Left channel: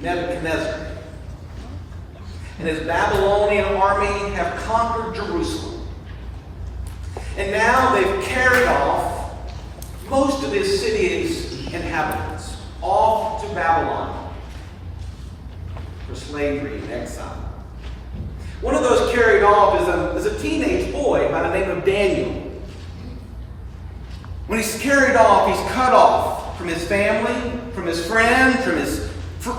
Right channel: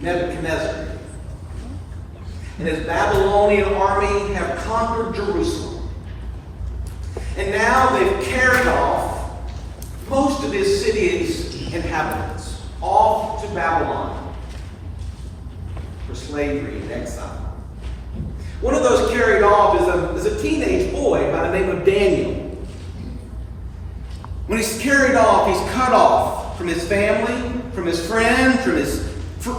Nebuchadnezzar and his Babylonian army have conquered Jerusalem. And now they've carried off most of his city's inhabitants off to Babylon for slavery and exile. One of those carried off is a teenage boy by the name of Daniel. When he's carried off, he's cut off from his family, from his friends, from his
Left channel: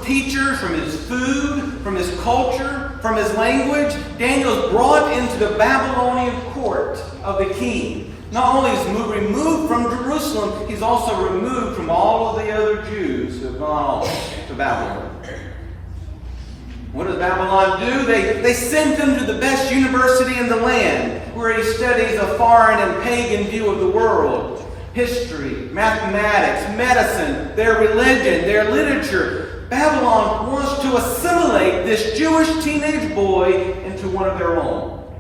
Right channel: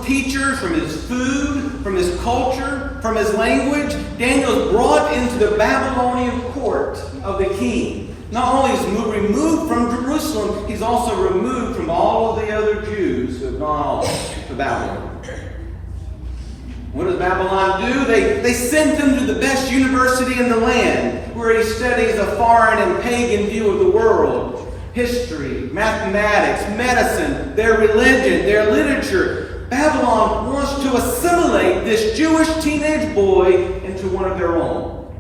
teachers, from his food, from his culture, from his language. Daniel is brought into the Babylonian court of the king. Not only is he removed from Jerusalem, he's also removed from all of the other Jews who have gone off to Babylon. What does Babylon do? They send him to the best university in the land, where he studies a foreign and pagan view of the world. History, mathematics, medicine, their religion, their literature. Babylon wants to assimilate this Jewish teenage boy into one of their own.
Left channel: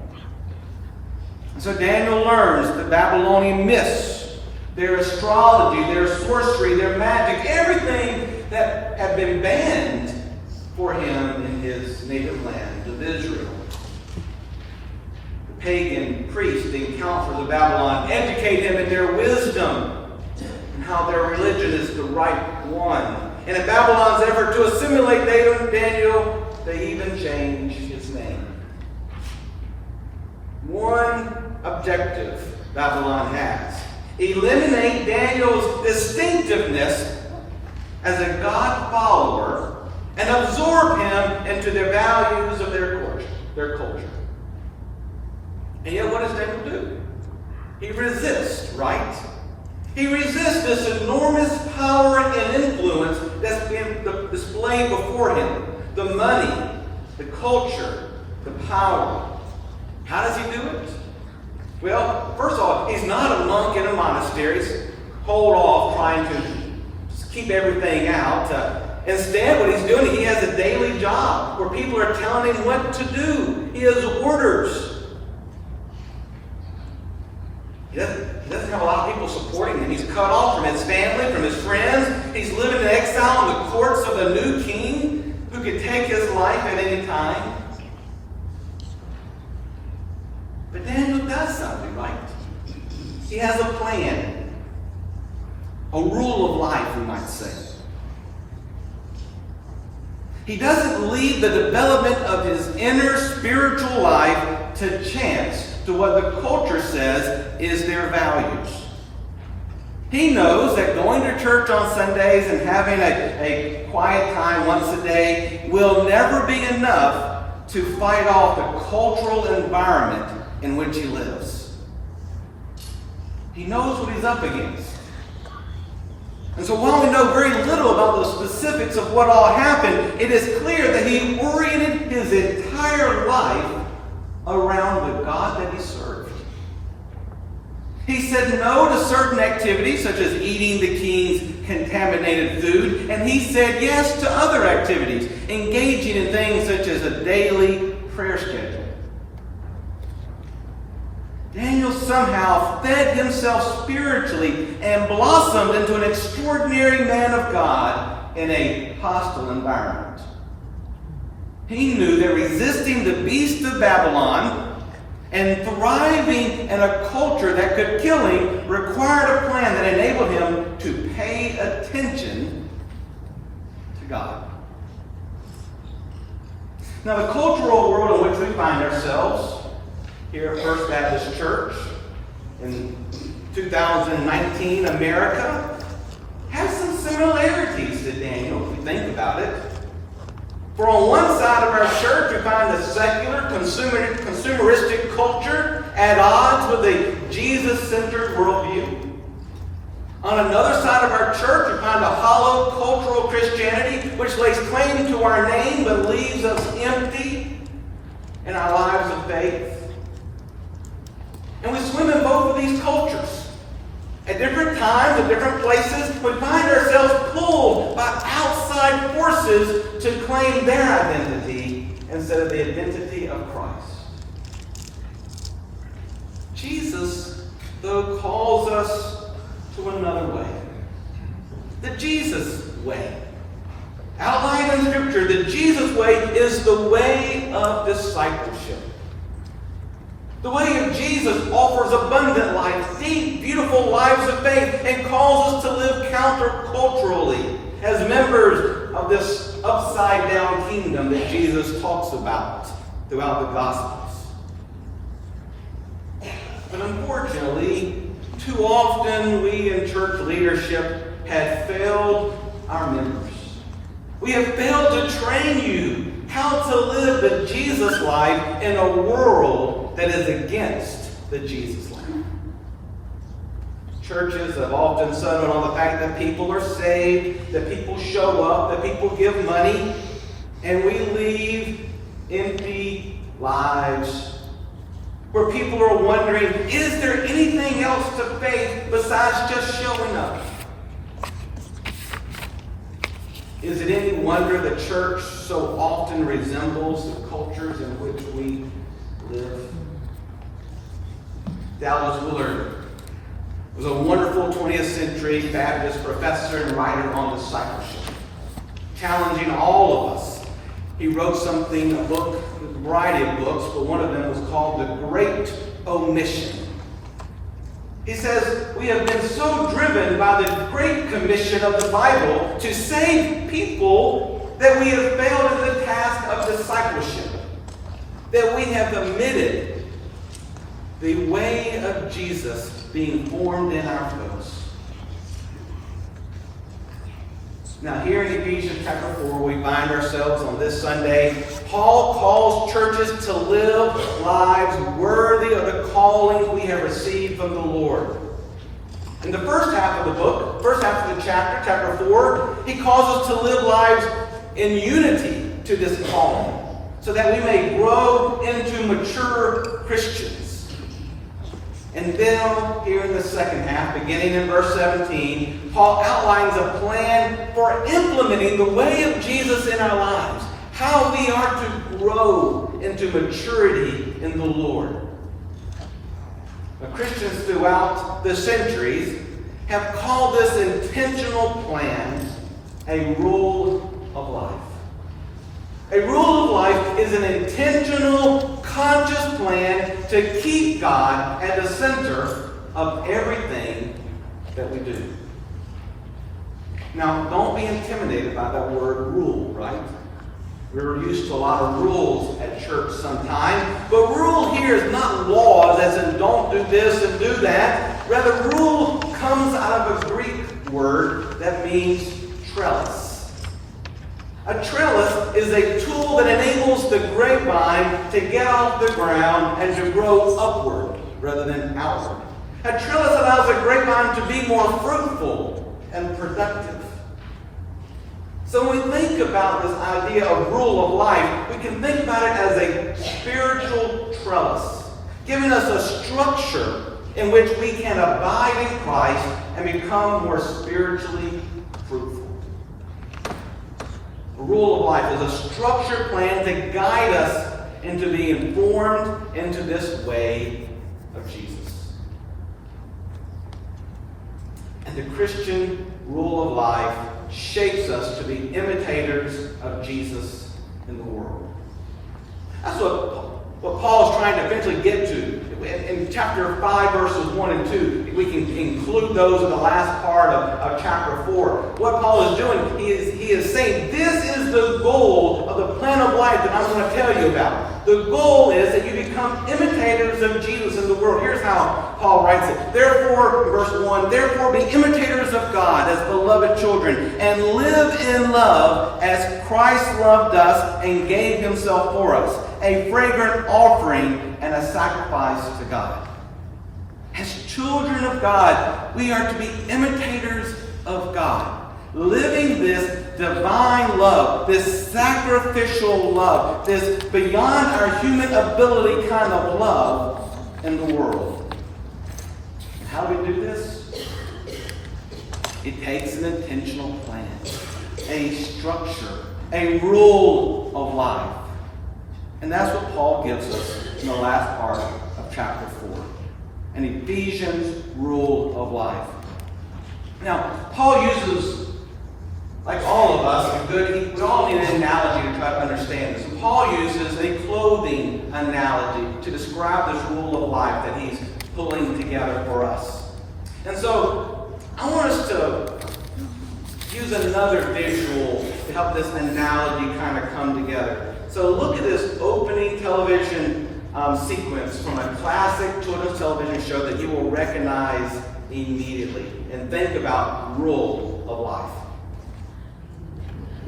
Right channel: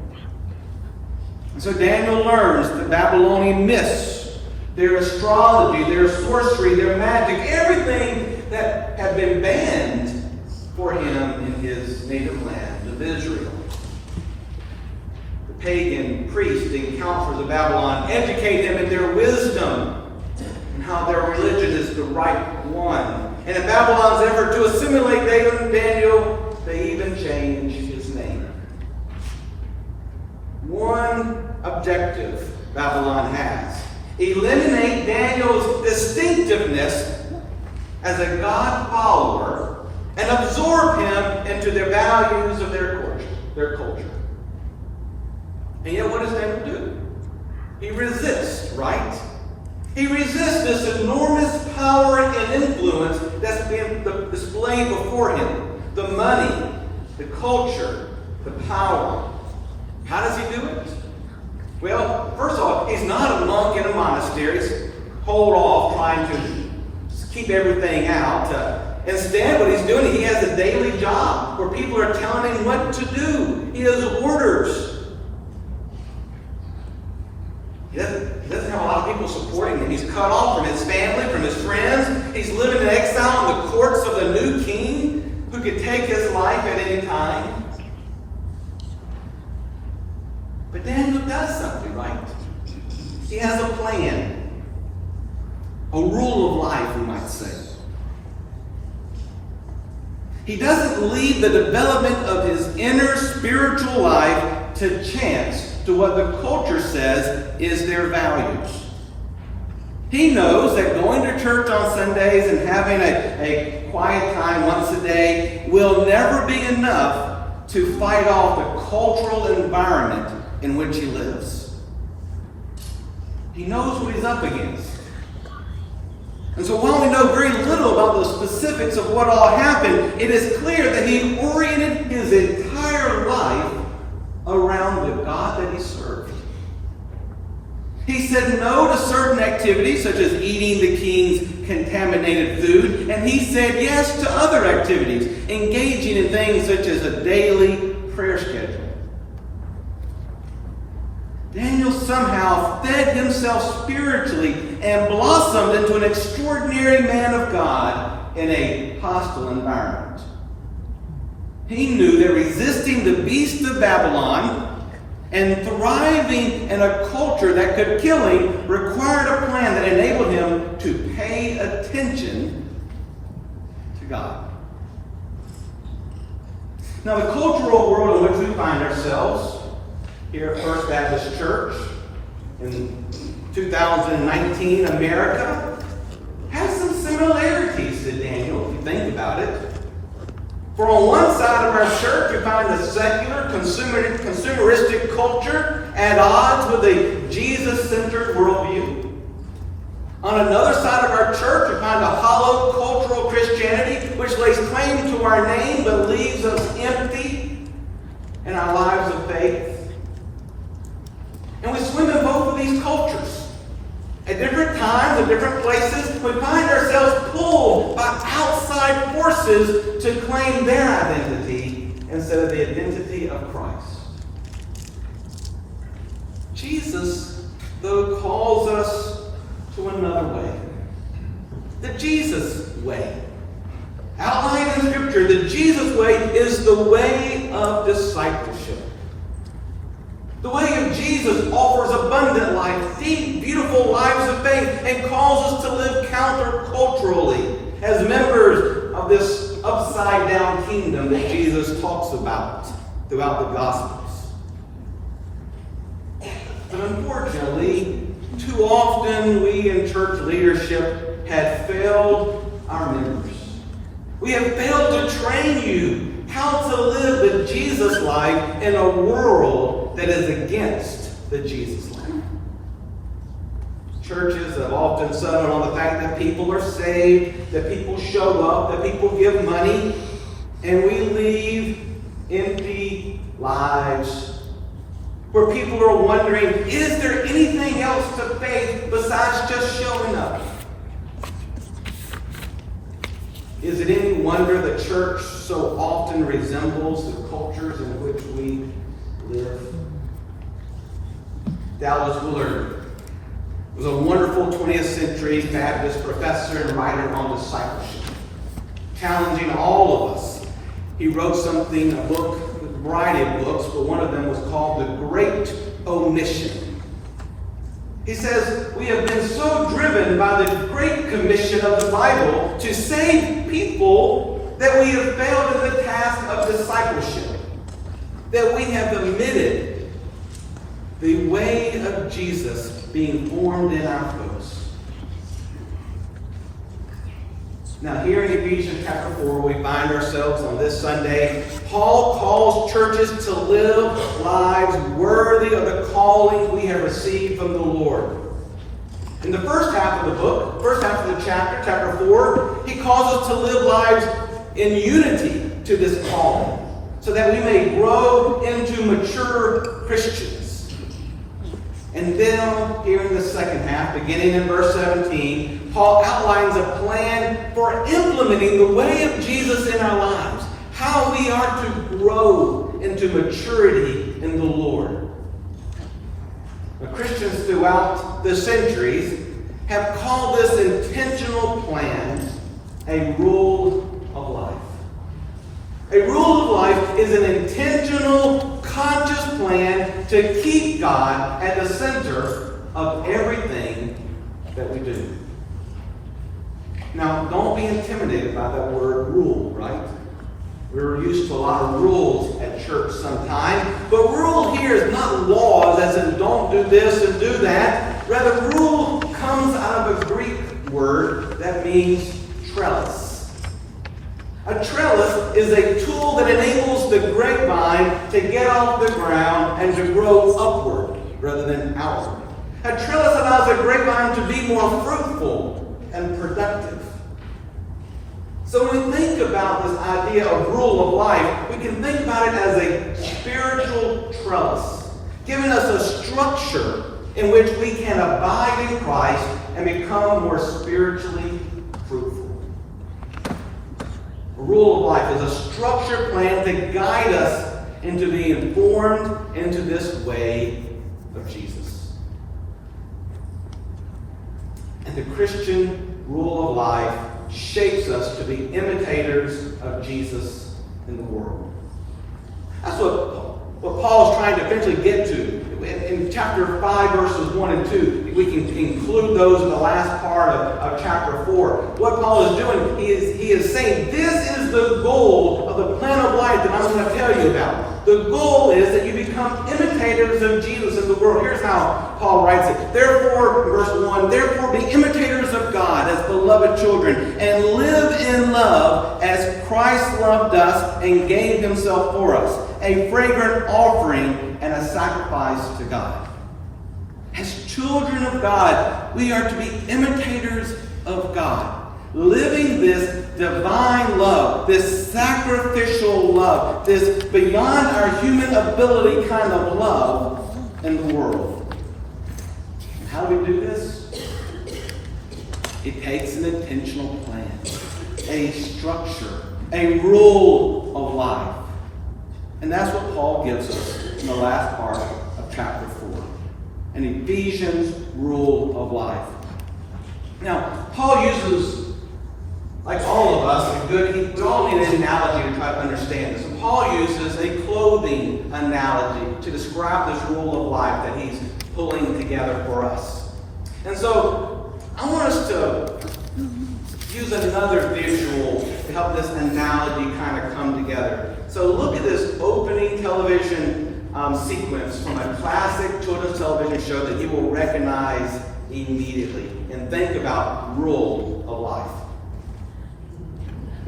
And so Daniel learns the Babylonian myths, their astrology, their sorcery, their magic, everything that had been banned for him in his native land of Israel. The pagan priests, the counselors of Babylon, educate him in their wisdom and how their religion is the right one. And in Babylon's effort to assimilate Daniel, they even changed his name. One objective Babylon has: eliminate Daniel's distinctiveness as a God follower and absorb him into the values of their culture. And yet, what does Daniel do? He resists, right? He resists this enormous power and influence that's being displayed before him. The money, the culture, the power. How does he do it? Well, first of all, he's not a monk in a monastery. He's hold off trying to keep everything out. Instead, what he's doing, he has a daily job where people are telling him what to do. He has orders. He doesn't have a lot of people supporting him. He's cut off from his family, from his friends. He's living in exile in the courts of the new king who could take his life at any time. But Daniel does something, right? He has a plan. A rule of life, we might say. He doesn't leave the development of his inner spiritual life to chance, to what the culture says is their values. He knows that going to church on Sundays and having a quiet time once a day will never be enough to fight off the cultural environment in which he lives. He knows what he's up against. And so while we know very little about the specifics of what all happened, it is clear that he oriented his entire life around the God that he served. He said no to certain activities, such as eating the king's contaminated food, and he said yes to other activities, engaging in things such as a daily prayer schedule. Daniel somehow fed himself spiritually and blossomed into an extraordinary man of God in a hostile environment. He knew that resisting the beast of Babylon and thriving in a culture that could kill him required a plan that enabled him to pay attention to God. Now, the cultural world in which we find ourselves here at First Baptist Church in 2019 America has some similarities to Daniel, if you think about it. For on one side of our church, we find the secular, consumeristic culture at odds with a Jesus-centered worldview. On another side of our church, we find a hollow cultural Christianity which lays claim to our name but leaves us empty in our lives of faith. And we swim in both of these cultures. At different times, at different places, we find ourselves pulled by outside forces to claim their identity instead of the identity of Christ. Jesus, though, calls us to another way. The Jesus way. outlined in Scripture, the Jesus way is the way of discipleship. The way of Jesus offers abundant life, deep, beautiful lives of faith, and calls us to live counterculturally as members of this upside-down kingdom that Jesus talks about throughout the Gospels. But unfortunately, too often we in church leadership have failed our members. We have failed to train you how to live the Jesus life in a world that is against the Jesus life. Churches have often settled on the fact that people are saved, that people show up, that people give money, and we leave empty lives where people are wondering, is there anything else to faith besides just showing up? Is it any wonder the church so often resembles the cultures in which we live? Dallas Willard was a wonderful 20th century Baptist professor and writer on discipleship, challenging all of us. He wrote a book, a variety of books, but one of them was called The Great Omission. He says, we have been so driven by the Great Commission of the Bible to save people that we have failed in the task of discipleship, that we have omitted the way of Jesus being formed in our folks. Now here in Ephesians chapter 4, we find ourselves on this Sunday. Paul calls churches to live lives worthy of the calling we have received from the Lord. In the first half of the book, first half of the chapter 4, he calls us to live lives in unity to this calling, so that we may grow into mature Christians. And then here in the second half, beginning in verse 17, Paul outlines a plan for implementing the way of Jesus in our lives, how we are to grow into maturity in the Lord. Now, Christians throughout the centuries have called this intentional plan a rule of life. A rule of life is an intentional, conscious plan to keep God at the center of everything that we do. Now, don't be intimidated by that word rule, right? We're used to a lot of rules at church sometimes, but rule here is not laws as in don't do this and do that. Rather, rule comes out of a Greek word that means trellis. A trellis is a tool that enables the grapevine to get off the ground and to grow upward rather than outward. A trellis allows a grapevine to be more fruitful and productive. So when we think about this idea of rule of life, we can think about it as a spiritual trellis, giving us a structure in which we can abide in Christ and become more spiritually fruitful. A rule of life is a structured plan to guide us into being informed into this way of Jesus. And the Christian rule of life shapes us to be imitators of Jesus in the world. That's what Paul is trying to eventually get to. In chapter 5, verses 1 and 2, we can include those in the last part of chapter 4. What Paul is doing, he is saying, this is the goal of the plan of life that I'm going to tell you about. The goal is that you become imitators of Jesus in the world. Here's how Paul writes it. Therefore, verse 1, therefore be imitators of God as beloved children, and live in love as Christ loved us and gave himself for us, a fragrant offering and a sacrifice to God. As children of God, we are to be imitators of God, living this divine love, this sacrificial love, this beyond our human ability kind of love in the world. And how do we do this? It takes an intentional plan, a structure, a rule of life. And that's what Paul gives us in the last part of chapter 4. An Ephesians rule of life. Now, Paul uses Like all of us, we all need an analogy to try to understand. So Paul uses a clothing analogy to describe this rule of life that he's pulling together for us. And so I want us to use another visual to help this analogy kind of come together. So look at this opening television sequence from a classic children's television show that you will recognize immediately. And think about rule of life.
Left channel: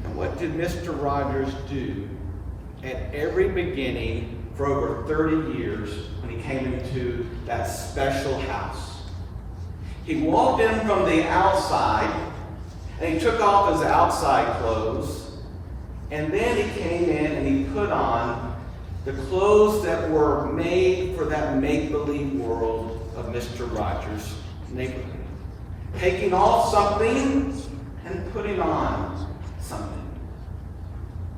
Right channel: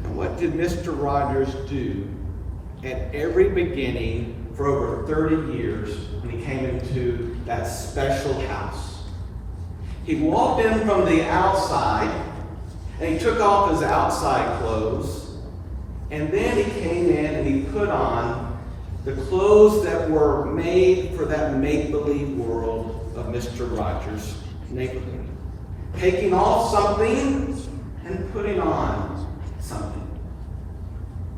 And what did Mr. Rogers do at every beginning for over 30 years when he came into that special house? He walked in from the outside, and he took off his outside clothes, and then he came in and he put on the clothes that were made for that make-believe world of Mr. Rogers' neighborhood. Taking off something and putting on something.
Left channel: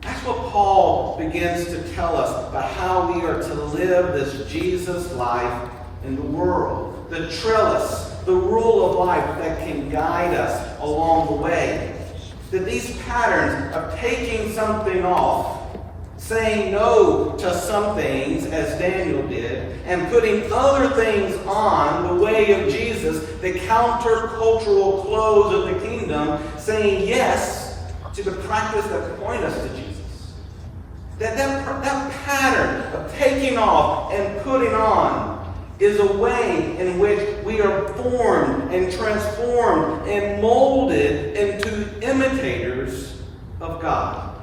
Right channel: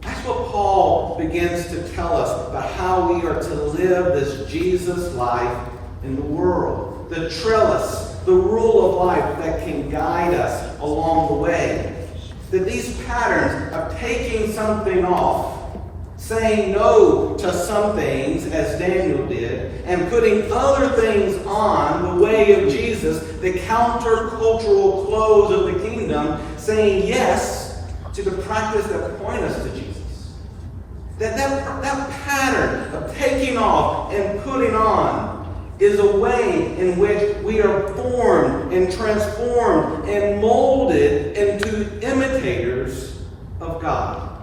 That's what Paul begins to tell us about how we are to live this Jesus life in the world. The trellis, the rule of life that can guide us along the way. That these patterns of taking something off, saying no to some things, as Daniel did, and putting other things on the way of Jesus, the countercultural clothes of the kingdom, saying yes to the practice that point us to Jesus. That pattern of taking off and putting on is a way in which we are formed and transformed and molded into imitators of God.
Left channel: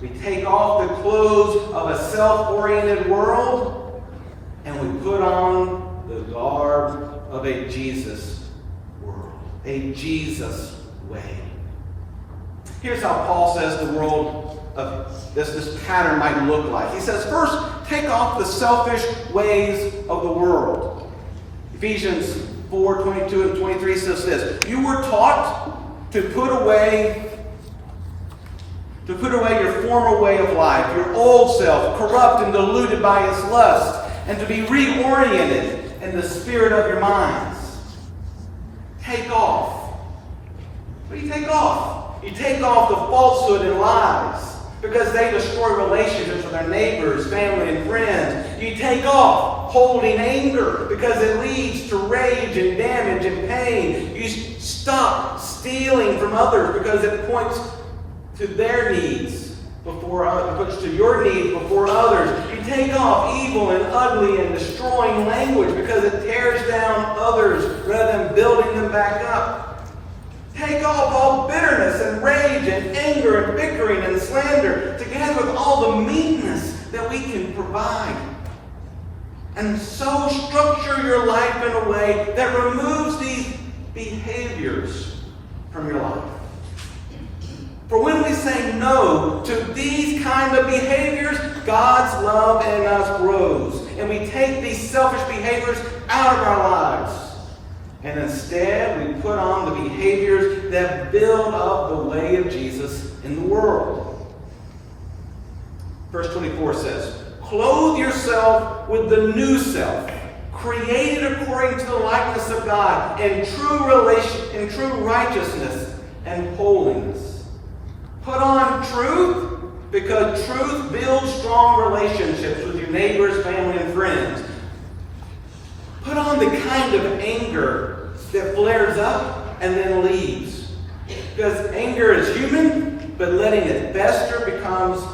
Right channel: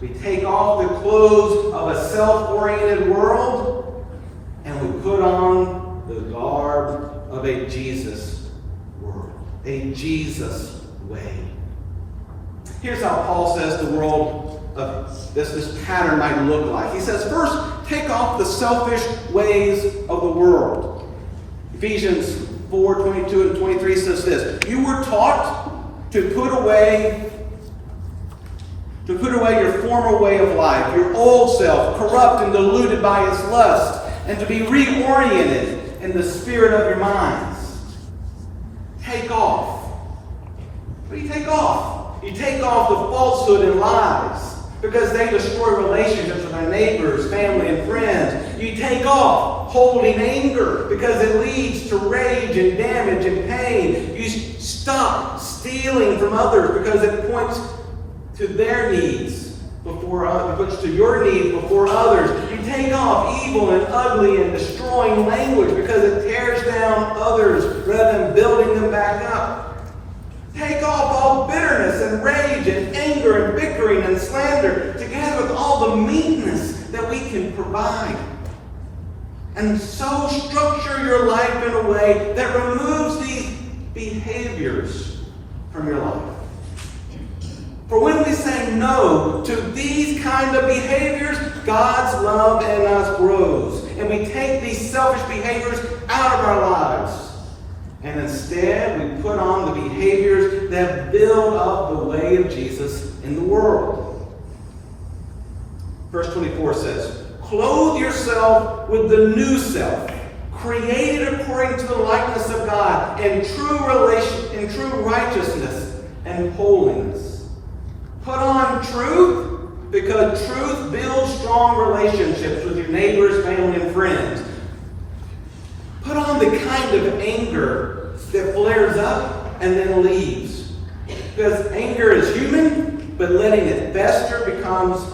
We take off the clothes of a self-oriented world and we put on the garb of a Jesus world, a Jesus way. Here's how Paul says the world of this pattern might look like. He says, first, take off the selfish ways of the world. Ephesians 4:22 and 23 says this: you were taught to put away your former way of life, your old self, corrupt and deluded by its lust, and to be reoriented in the spirit of your minds. Take off. What do you take off? You take off the falsehood and lies, because they destroy relationships with our neighbors, family, and friends. You take off holding anger, because it leads to rage and damage and pain. You stop stealing from others, because it points to their needs before others, puts to your needs before others. You take off evil and ugly and destroying language, because it tears down others rather than building them back up. Take off all bitterness and rage and anger and bickering and slander, together with all the meanness that we can provide. And so structure your life in a way that removes these behaviors from your life. For when we say no to these kind of behaviors, God's love in us grows. And we take these selfish behaviors out of our lives. And instead, we put on the behaviors that build up the way of Jesus in the world. Verse 24 says, clothe yourself with the new self, created according to the likeness of God, in true righteousness and holiness. Put on truth, because truth builds strong relationships with your neighbors, family, and friends. Put on the kind of anger that flares up and then leaves. Because anger is human, but letting it fester becomes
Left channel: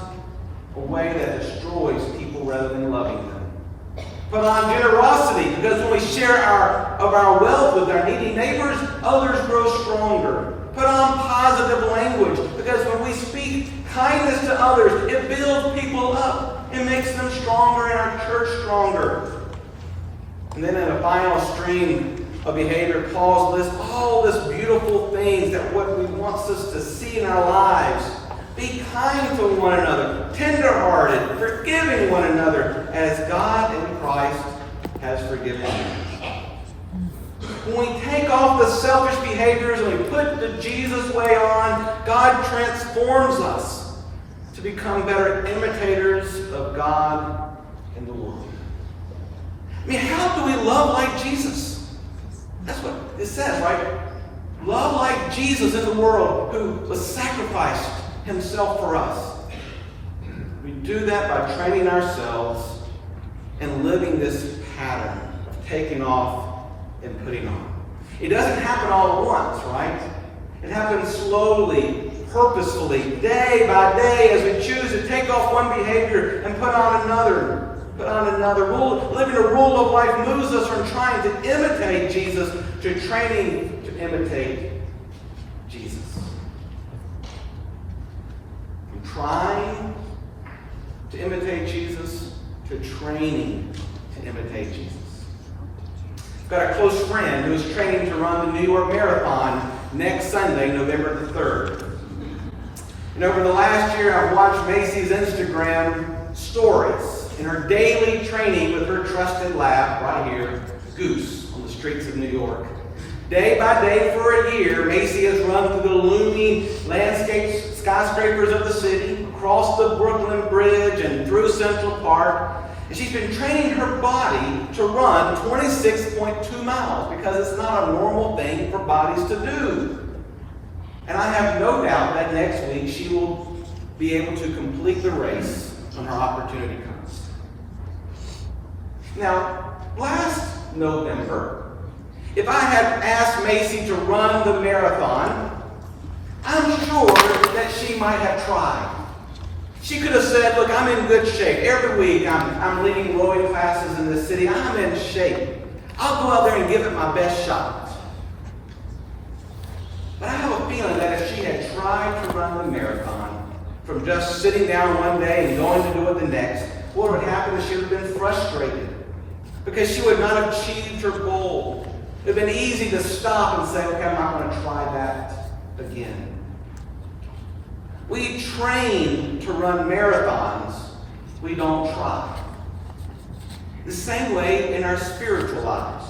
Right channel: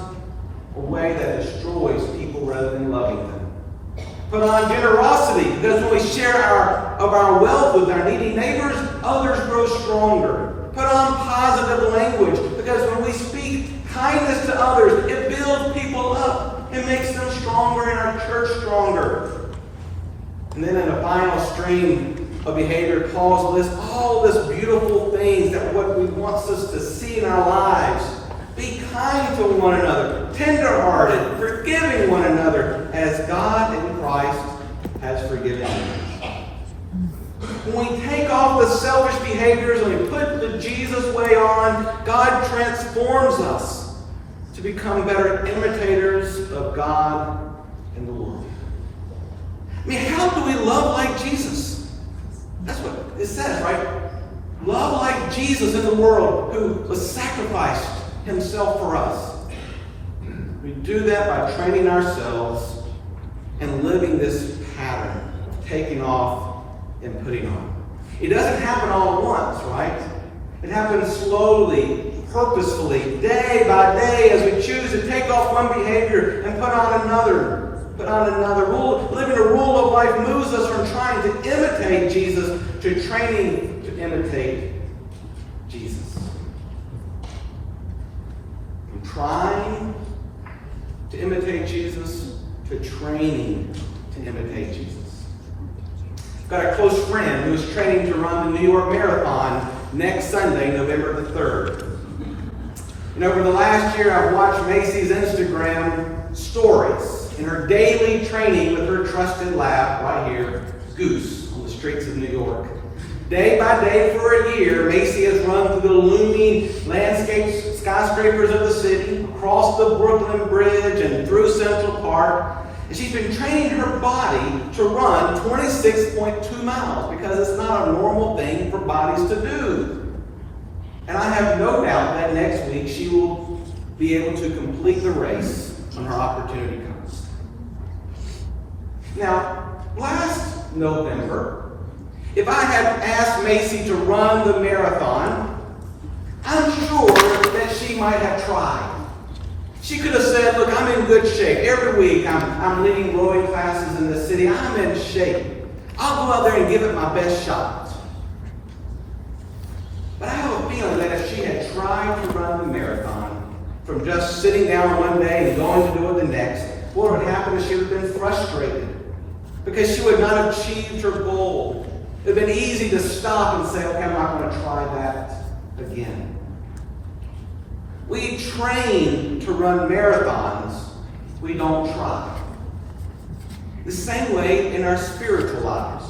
a way that destroys people rather than loving them. Put on generosity, because when we share our wealth with our needy neighbors, others grow stronger. Put on positive language, because when we speak kindness to others, it builds people up. It makes them stronger and our church stronger. And then in a final string of behavior, Paul lists all this beautiful things that what he wants us to see in our lives. Be kind to one another, tender-hearted, forgiving one another, as God in Christ has forgiven you. When we take off the selfish behaviors and we put the Jesus way on, God transforms us to become better imitators of God in the world. I mean, how do we love like Jesus? That's what it says, right? Love like Jesus in the world, who was sacrificed himself for us. We do that by training ourselves and living this pattern of taking off and putting on. It doesn't happen all at once, right? It happens slowly, purposefully, day by day, as we choose to take off one behavior and put on another. Living a rule of life moves us from trying to imitate Jesus to training to imitate Jesus. From trying to imitate Jesus to training to imitate Jesus. I've got a close friend who is training to run the New York Marathon next Sunday, November the 3rd. And over the last year, I've watched Macy's Instagram stories in her daily training with her trusted lab right here, Goose, on the streets of New York. Day by day for a year, Macy has run through the looming landscape skyscrapers of the city, across the Brooklyn Bridge and through Central Park. And she's been training her body to run 26.2 miles because it's not a normal thing for bodies to do. And I have no doubt that next week she will be able to complete the race when her opportunity comes. Now, last November, if I had asked Macy to run the marathon, I'm sure that she might have tried. She could have said, look, I'm in good shape. Every week I'm leading rowing classes in the city. I'm in shape. I'll go out there and give it my best shot. But I have a feeling that if she had tried to run the marathon from just sitting down one day and going to do it the next, what would happen is she would have been frustrated because she would not have achieved her goal. It would have been easy to stop and say, okay, I'm not going to try that again. We train to run marathons. We don't try. The same way in our spiritual lives.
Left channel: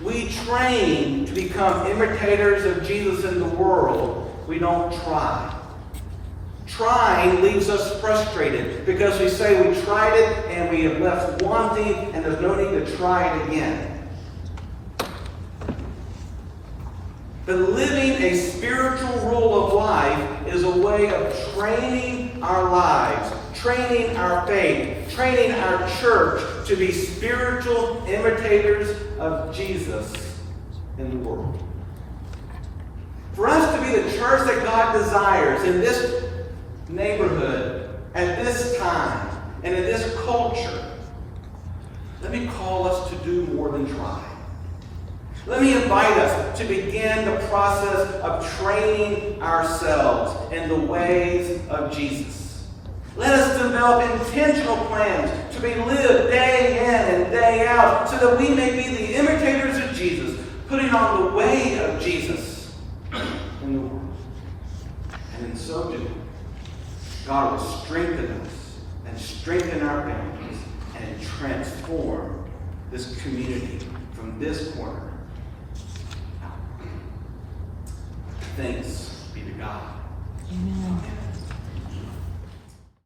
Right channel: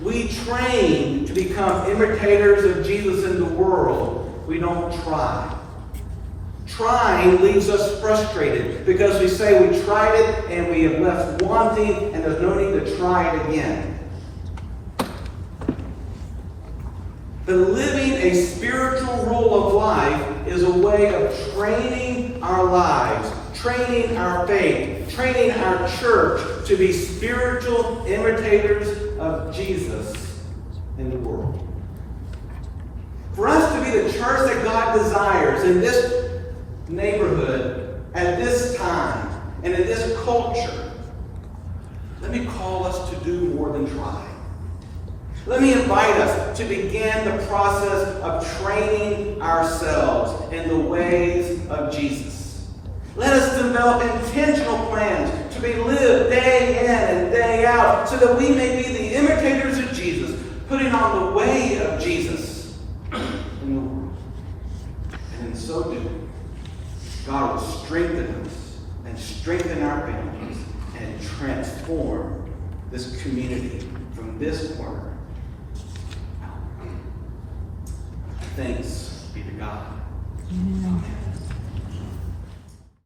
We train to become imitators of Jesus in the world. We don't try. Trying leaves us frustrated because we say we tried it and we have left wanting and there's no need to try it again. But living a spiritual rule of life is a way of training our lives, training our faith, training our church to be spiritual imitators of Jesus in the world. For us to be the church that God desires in this neighborhood, at this time, and in this culture, let me call us to do more than try. Let me invite us to begin the process of training ourselves in the ways of Jesus. Let us develop intentional plans to be lived day in and day out so that we may be the imitators of Jesus, putting on the way of Jesus in the world. And in so doing, God will strengthen us and strengthen our families and transform this community from this corner. Thanks be to God. Amen.